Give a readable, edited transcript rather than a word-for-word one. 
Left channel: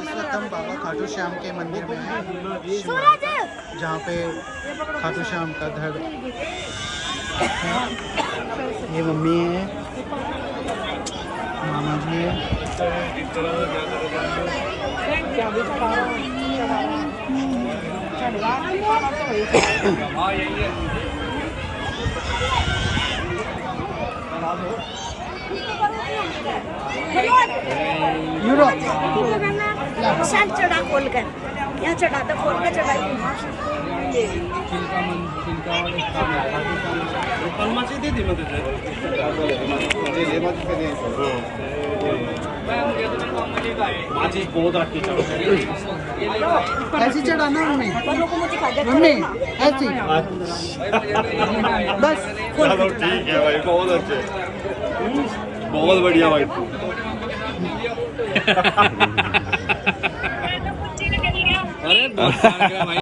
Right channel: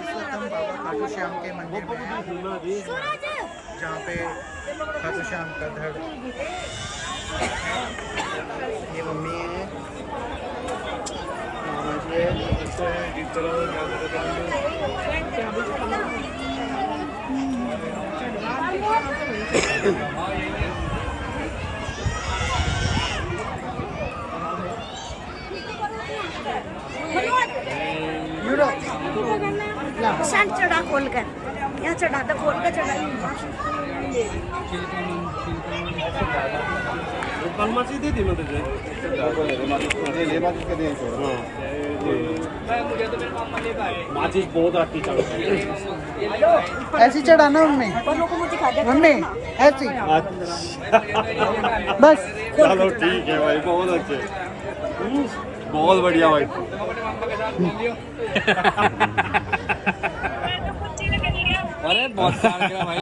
इस वक्त हम बाबा खाटू श्याम के मंदिर में हैं, जहाँ पे खाटू श्याम का घर है। ये मम्मी है, चढ़ा खोल कर यहाँ चढ़ा तो खोल कर चढ़ाई माचिस बहुत रखी ऐसी चढ़ाना मम्मी, मम्मी ऐसी बस। चलो ठीक है भाई, बहुत अच्छे, बहुत बढ़िया भाई। अरे बहुत भाई।